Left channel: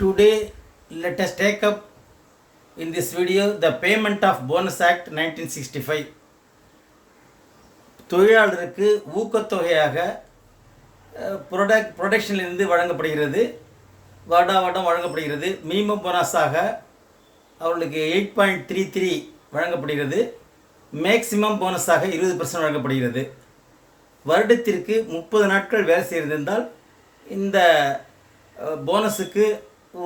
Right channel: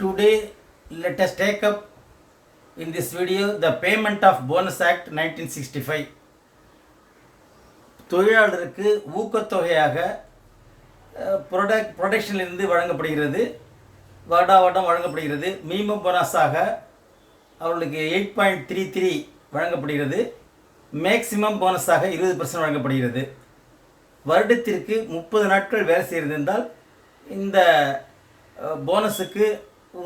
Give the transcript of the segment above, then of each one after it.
Today, let us take up in this video the payment of Bonus Act 1965. தொழிலாளருக்கு ஊக்கத்தொகையாக ப்ரொடக்ஷனிலிருந்து வழங்கப்படுகிறது, வருடம் வழங்கப்படுகிறது. Minimum போனஸாக அவர்களுக்கு 8.33 வழங்கப்படுகிறது. மேக்சிமம் போனஸாக 20% வழங்கப்படுகிறது. வருடத்திற்கு 30 நாட்கள் வேலை செய்திருந்தால் இந்த போனஸுக்கு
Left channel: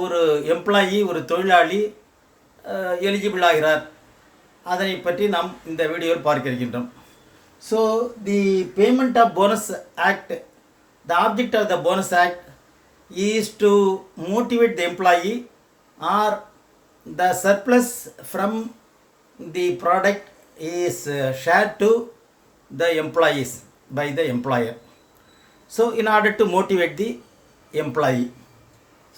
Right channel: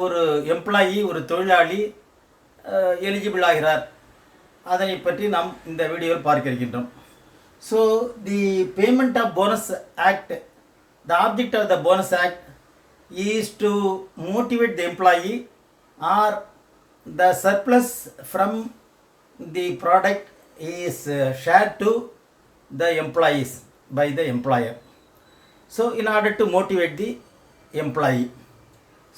ஒரு எம்ப்ளாயி, ஒரு தொழிலாளி எலிஜிபிள் ஆகிறார். அதனை பற்றி நாம் இந்த வீடியோவில் பார்க்க இருக்கின்றோம். So the payment of bonus act, the object of the bonus act is to motivate the employee or the surplus from the product is shared to the employees by the employer. So in order to motivate the employee,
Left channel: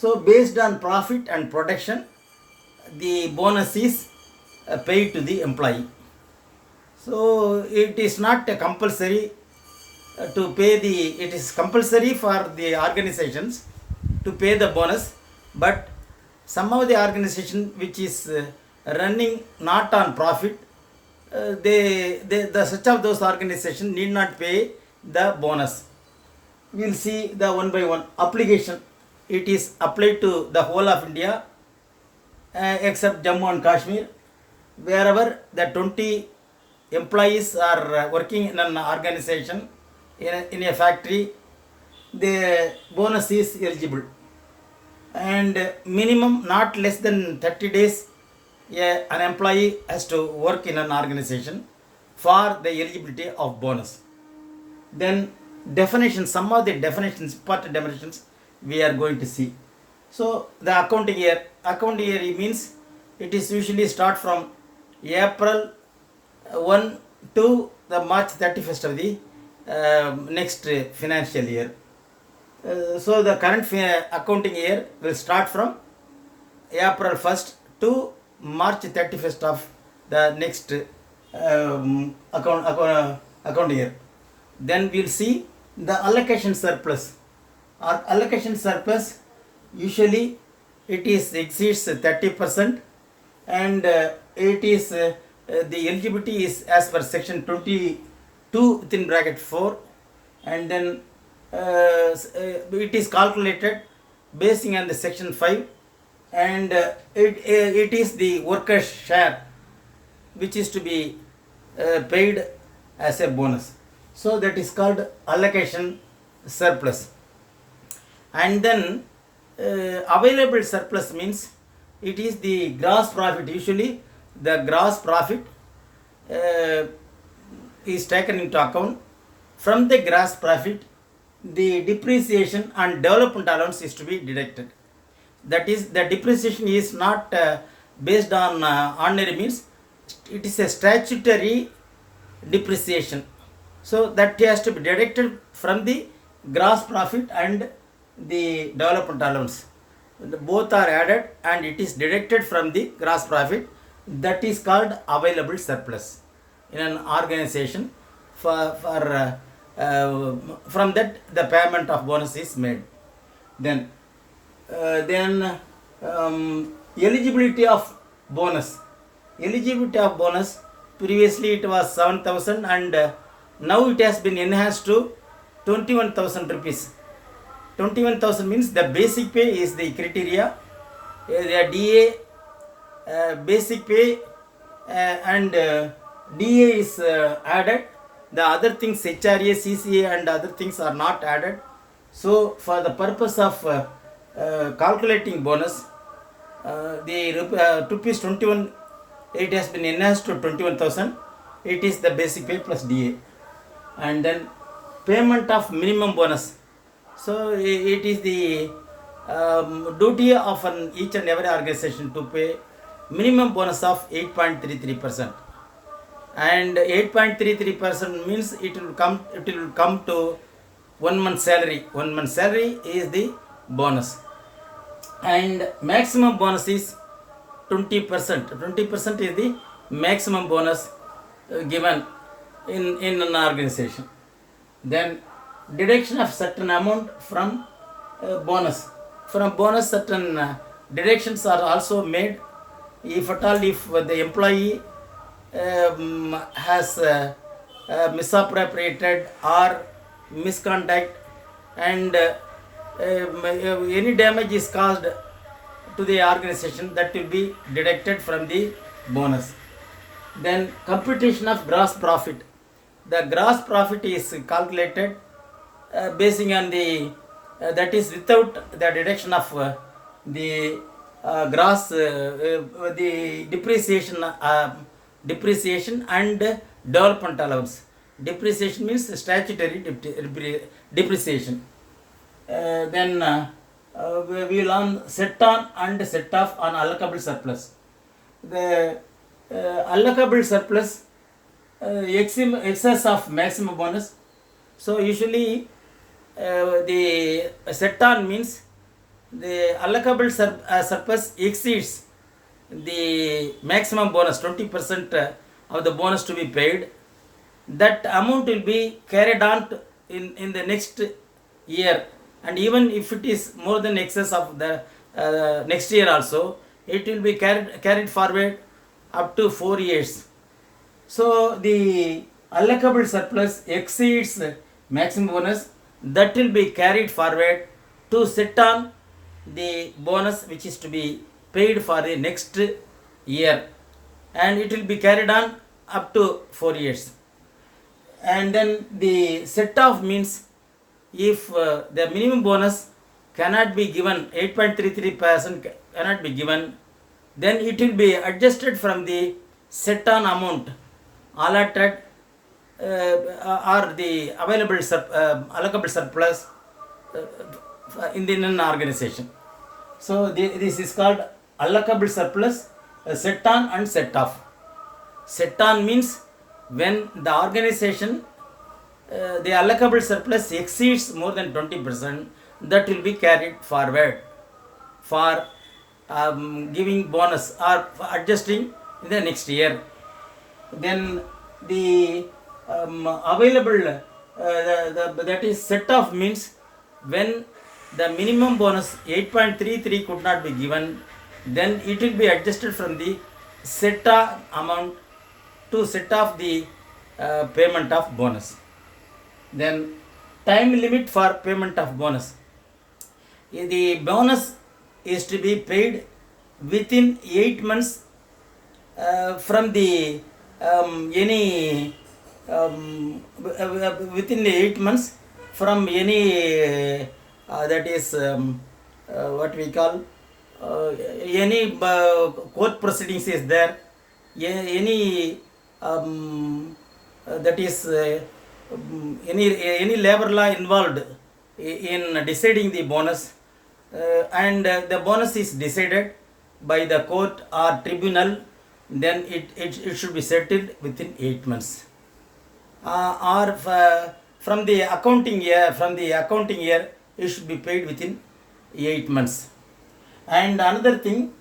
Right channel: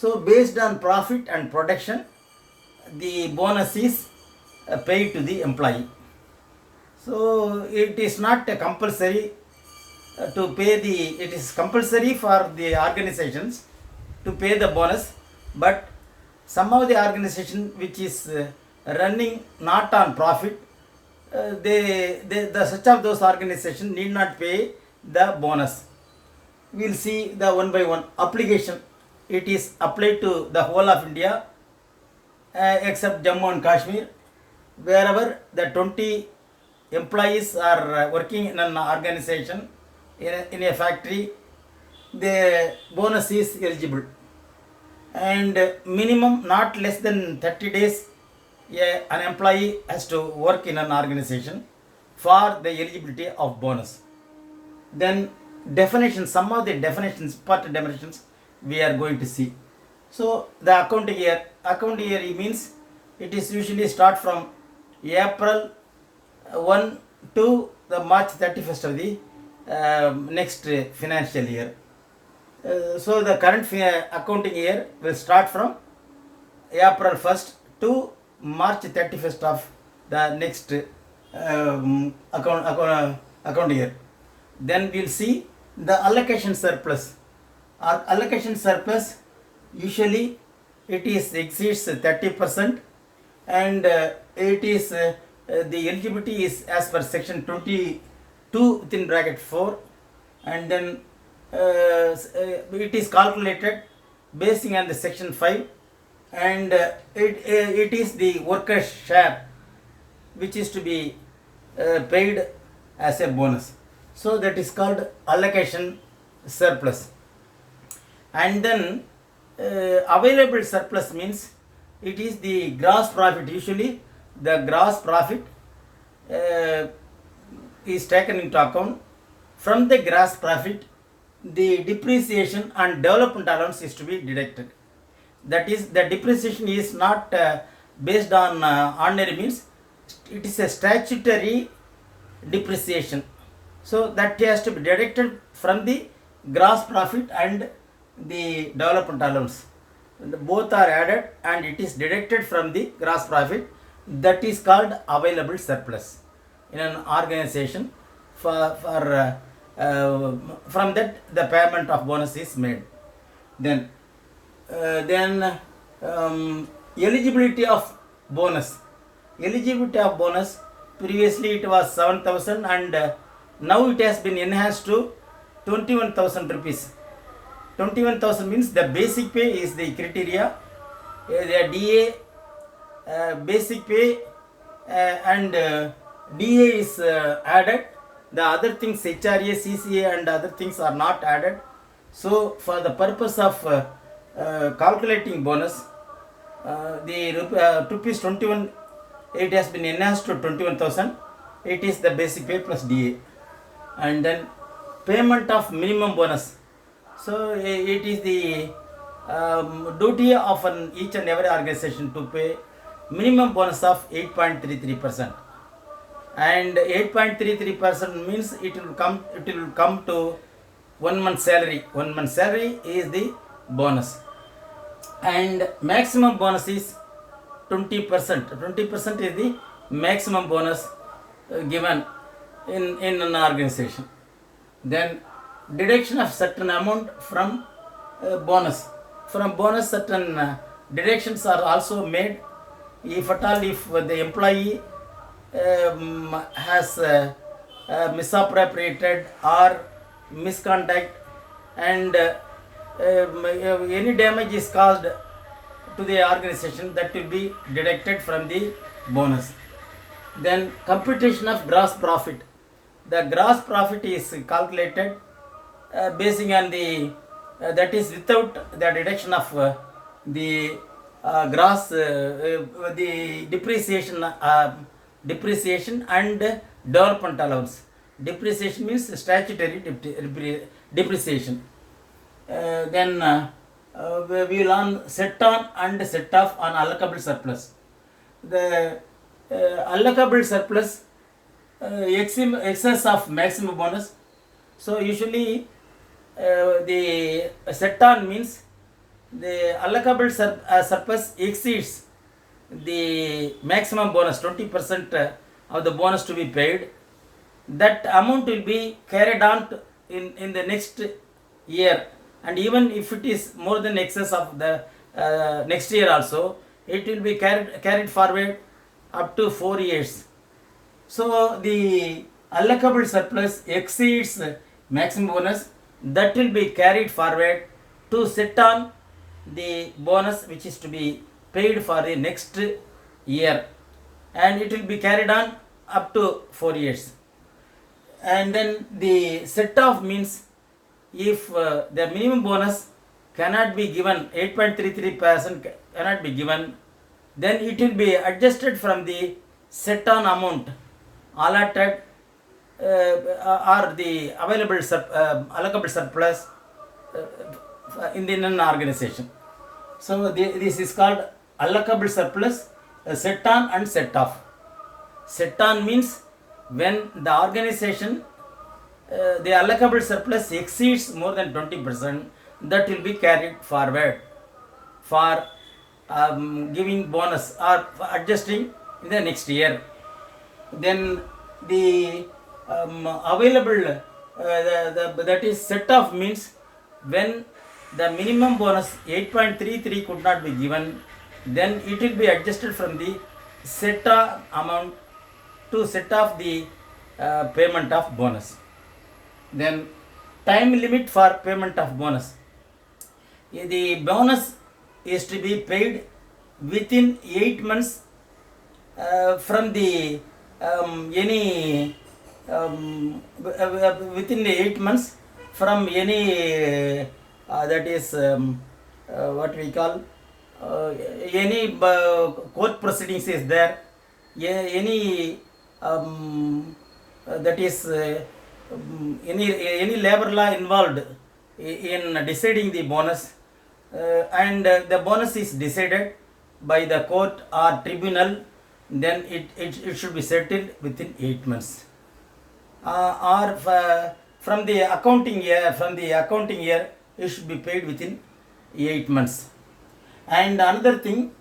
so based on profit and production, the bonus is paid to the employee. So it is not compulsory to pay it is compulsory for the organizations to pay the bonus, but some of the organization which is running not on profit, such of those organizations need not pay the bonus. We will see the one by one application. It is applied to the whole of India except Jammu and Kashmir. Wherever the 20 employees are working in an organization, in a factory, the bonus is eligible. And minimum not less than 30 days an employee has to work in an organization for the eligibility of bonus. Then definitions, some of the definitions, important definitions we are going to see. So the accounting year means it is usually start from April 1 to the March 31st of the next financial year. So the current accounting year will start from April 1st to March 31st of the next account year. Then we will see the allocation surplus. Our allocation surplus usually it is exceeds 30%, and it is the eligibility is as per section 22 within bracket 4, and then it is calculated basing on the section 5, and it is the workers' share which is to be paid as a bonus. So that is called allocation surplus. And then available surplus means it is the gross profit. Usually the gross profit is taken into account. From the gross profit, the depreciation and development allowance is to be deducted. That is, the depreciation is not based on ordinary means. It is a statutory depreciation. So that has to be deducted from the gross profit and the development allowance. Both are added and it is deducted from the gross profit. That is called available surplus in an organization. From that the payment of bonus is made. Then eligibility of bonus. Eligibility of bonus, previously it was 7,000 and now it has been enhanced to 21,000 rupees. 21,000 means the basic pay is the criteria. The DA basic pay and DA is added. The other things, HRA, CCA and other things are not added. So for the purpose of calculating bonus, the rupees 21, it has been enhanced to 21,000. It is the basic pay plus DA. And then payment of minimum bonus. So it is the duty of each and every organization to pay minimum bonus of 8.33%. And 8.33% means it will come to 1 month salary. 1 month salary is the bonus. And maximum bonus is 20%. 20% is the maximum bonus given in an organization. Then deduction of certain amount from bonus. from bonus certain deductions are also made. If at all, if the employee has misappropriated or misconduct, and any damage is caused to the organization, that will be deducted from the bonus. Then computation of gross profit. The gross profit is calculated basing on the that is without the deduction of the gross the depreciation and development allowance. Depreciation means statutory depreciation. Then we will learn set on and set off on allocable surplus. The allocable surplus excess of maximum bonus. So usually the set on means the allocable surplus exceeds the maximum bonus, 20% of the bonus to be paid. That amount will be carried on in the next year, and even if it is more than excess of the next year also, it will be carried forward up to 4 years. So the allocable surplus exceeds maximum bonus, that will be carried forward to set on the bonus which is to be paid for the next year, and it will be carried on up to 4 years. And then the set off means if the minimum bonus cannot be given, 8.33% cannot be given, then it will be adjusted from the set on amount allotted or the available allocable surplus in the non-organization. So this is called allocable surplus, set on and set off. Set on means when the organization the allocable surplus exceeds more than 20%, that will be carried forward for giving bonus or adjusting in the next year. Then the available that is set off means when the minimum bonus 8.33 could not be given, then it will be adjusted from the set off amount to set off the payment of bonus. Then time limit for payment of bonus. The bonus is to be paid within 8 months from the any within the 8 months from any that is what we call any court proceedings is there, any that is any labor law involved in deciding the bonus, and the bonus is decided by the court or tribunal, then it should be settled within 8 months. Or from the accounting year, it should be paid within 8 months. And another thing,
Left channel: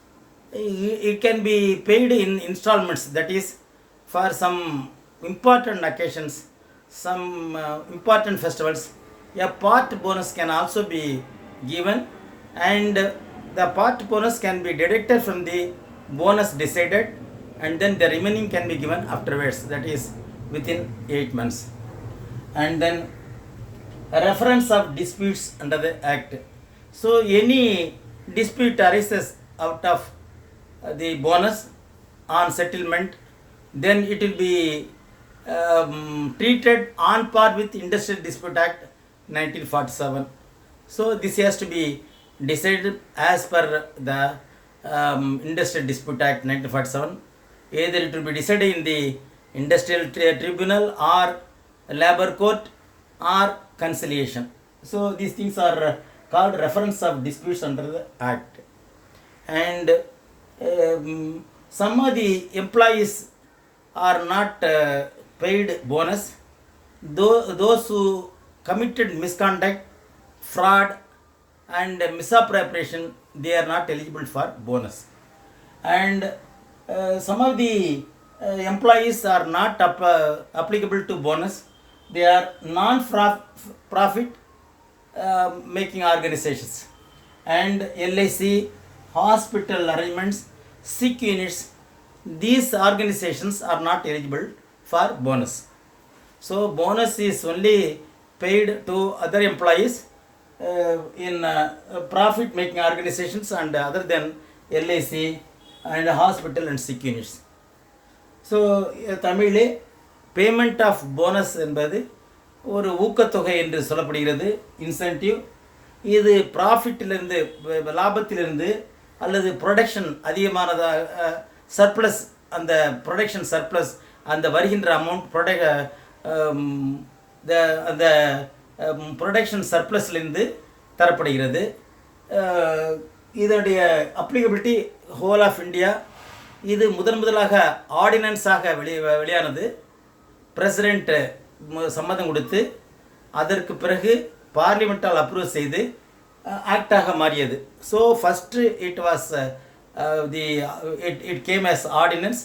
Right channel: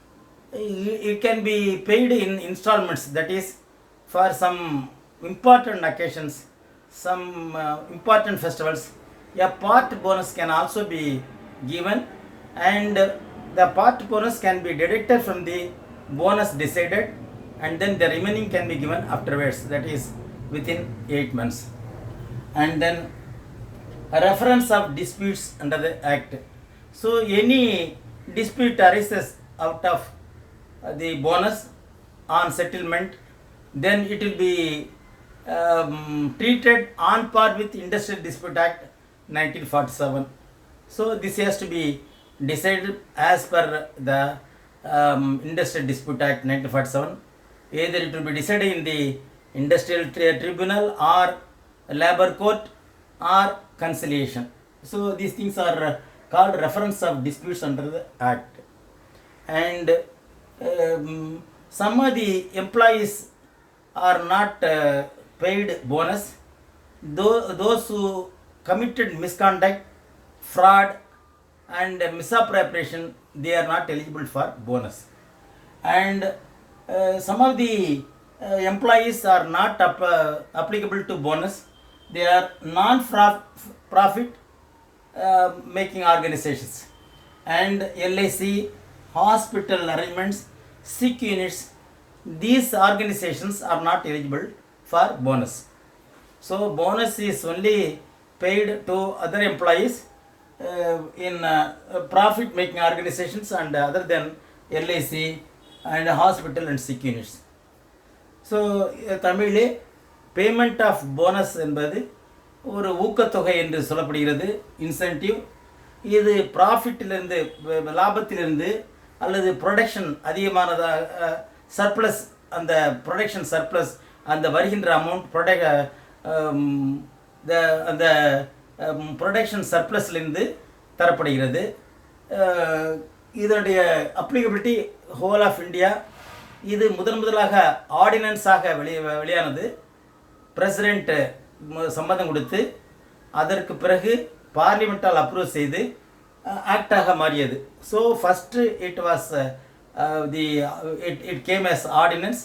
it can be paid in installments, that is for some important occasions, some important festivals. A part bonus can also be given, and the part bonus can be deducted from the bonus decided, and then the remaining can be given afterwards, that is within 8 months. And then a reference of disputes under the Act. So any dispute arises out of the bonus on settlement, then it will be treated on par with Industrial Dispute Act 1947. So this has to be decided as per the Industrial Dispute Act 1947. Either it will be decided in the Industrial Tribunal or Labour Court or conciliation. So these things are called reference of disputes under the Act. And some of the employees are not paid bonus. Those who committed misconduct, fraud and misappropriation, they are not eligible for bonus. And some of the employees are not applicable to bonus. They are non-profit making organizations. and LIC hospital arrangements, sick units, these organizations are not eligible for bonus. So bonus is only paid to other employees in profit making organizations and other than LIC and hospital and sick units. So தமிழிலே payment of bonus என்பது ஒரு ஊக்கத்தொகை என்று சொல்லப்படுகிறது, incentive. இது ப்ராஃபிட்டிலிருந்து, லாபத்திலிருந்து அல்லது production அதிகமானதாக surplus, அந்த ப்ரொடக்ஷன் சர்ப்ளஸ், அந்த வருகின்ற அமௌண்ட் அந்த ப்ரொடக்ஷன் சர்ப்ளஸ்லேருந்து தரப்படுகிறது. இதனுடைய அப்ளிகபிலிட்டி ஹோல் ஆஃப் இந்தியா. இது முதலாக ஆர்டினன்ஸாக வெளியானது. பிரசிடெண்ட் சம்மதம் கொடுத்து அதற்கு பிறகு பார்லிமெண்ட்டால் அப்ரூவ் செய்து ஆக்டாக மாறியது. So first it was it came as ordinance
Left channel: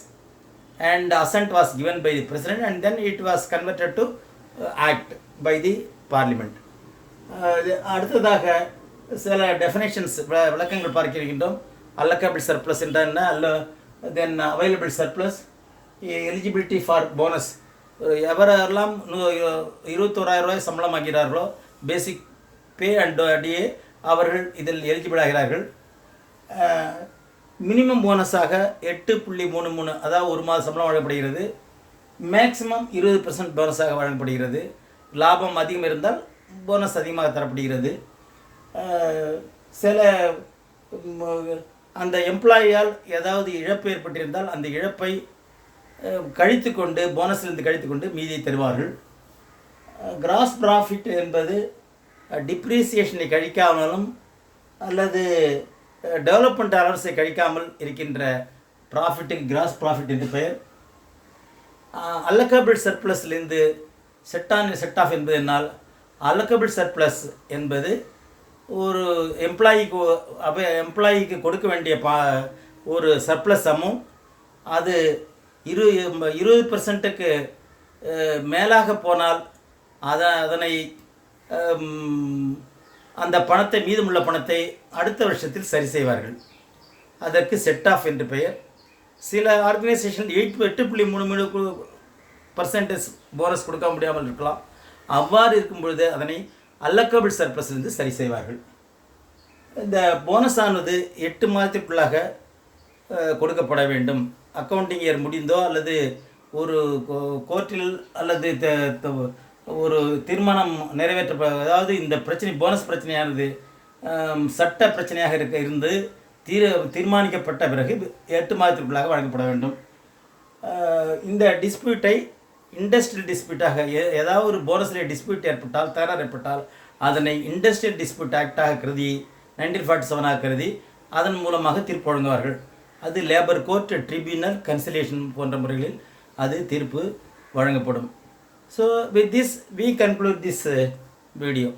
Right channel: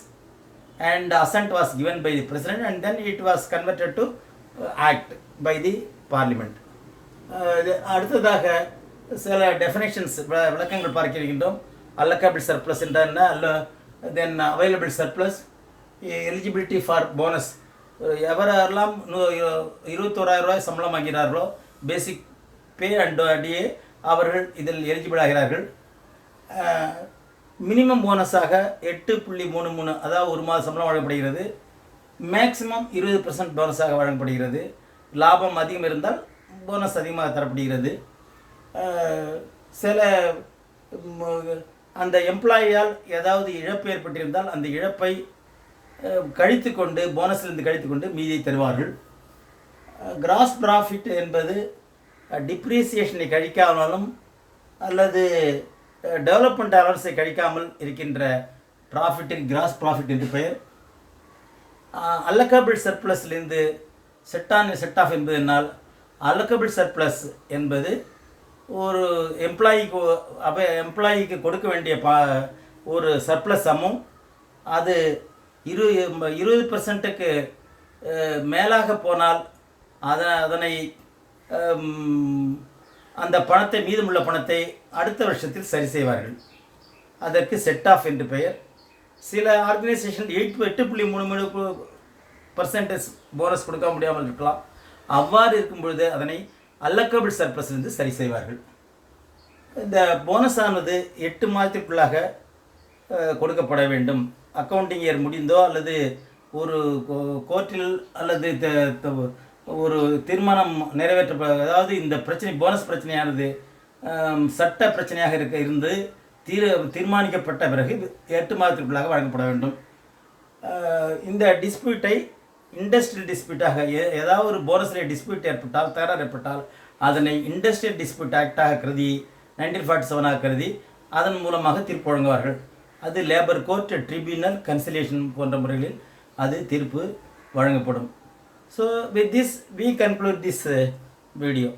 and assent was given by the president and then it was converted to act by the parliament. அடுத்ததாக சில டெஃபினேஷன்ஸ், விளக்கங்கள் பார்க்க இருக்கின்றோம். allocable surplus என்றால் என்ன, then available surplus, eligibility for bonus. எவரெல்லாம் 21,000 ரூபாய் சம்பளம் ஆகிறார்களோ, பேசிக் பே அண்ட் டிஏ, அவர்கள் இதில் எலிஜிபிள் ஆகிறார்கள். மினிமம் போனஸாக 8.33, அதாவது ஒரு மாத சம்பளம் வழங்கப்படுகிறது. மேக்ஸிமம் 20% போனஸாக வழங்கப்படுகிறது. லாபம் அதிகம் இருந்தால் போனஸ் அதிகமாக தரப்படுகிறது. சில அந்த எம்ப்ளாயியால் ஏதாவது இழப்பு ஏற்பட்டிருந்தால் அந்த இழப்பை கழித்து கொண்டு, போனஸிலிருந்து கழித்து கொண்டு மீதியை தருவார்கள். கிராஸ் ப்ராஃபிட் என்பது டிப்ரீசியேஷனை கழிக்காமலும் அல்லது டெவலப்மெண்ட் அலவன்ஸை கழிக்காமல் இருக்கின்ற ப்ராஃபிட்டுக்கு கிராஸ் ப்ராஃபிட் என்று பெயர். அல்லக்கபிள் சர்ப்ளஸ்லேருந்து செட் ஆஃப் என்பதனால் அல்லக்கபிள் சர்ப்ளஸ் என்பது ஒரு எம்ப்ளாயிக்கு கொடுக்க வேண்டிய ஒரு சர்ப்ளஸ் அமௌண்ட். அது 20%க்கு மேலாக போனால் அதனை அந்த பணத்தை, மீதமுள்ள பணத்தை அடுத்த வருஷத்தில் சரி செய்வார்கள். அதற்கு செட் ஆஃப் என்று பெயர். சில ஆர்கனைசேஷன் 8.33% போனஸ் கொடுக்க முடியாமல் இருக்கலாம். அவ்வாறு இருக்கும் பொழுது அதனை அல்லக்கபிள் சர்ப்ளஸ்லிருந்து சரி செய்வார்கள். இந்த போனஸ் ஆனது 8 மாதத்திற்குள்ளாக கொடுக்கப்பட வேண்டும். அக்கௌண்டிங் இயர் முடிந்தோ அல்லது ஒரு கோர்ட்டில் அல்லது ஒரு தீர்மானம் அதாவது இந்த பிரச்சனை, போனஸ் பிரச்சனையானது சட்ட பிரச்சனையாக இருந்து தீர்மானிக்கப்பட்ட பிறகு 8 மாதத்திற்குள்ளாக வழங்கப்பட வேண்டும். இந்த டிஸ்பியூட்டை இண்டஸ்ட்ரியல் டிஸ்பியூட்டாக, ஏதாவது ஒரு போனஸில் டிஸ்பியூட் ஏற்பட்டால், தகராறு ஏற்பட்டால் அதனை இண்டஸ்ட்ரியல் டிஸ்பியூட் ஆக்டாக கருதி 1947 கருதி அதன் மூலமாக தீர்ப்பு வழங்குவார்கள். அது லேபர் கோர்ட், ட்ரிபியூனல், கன்சிலேஷன் போன்ற முறைகளில் அது தீர்ப்பு வழங்கப்படும். So with this we conclude this video.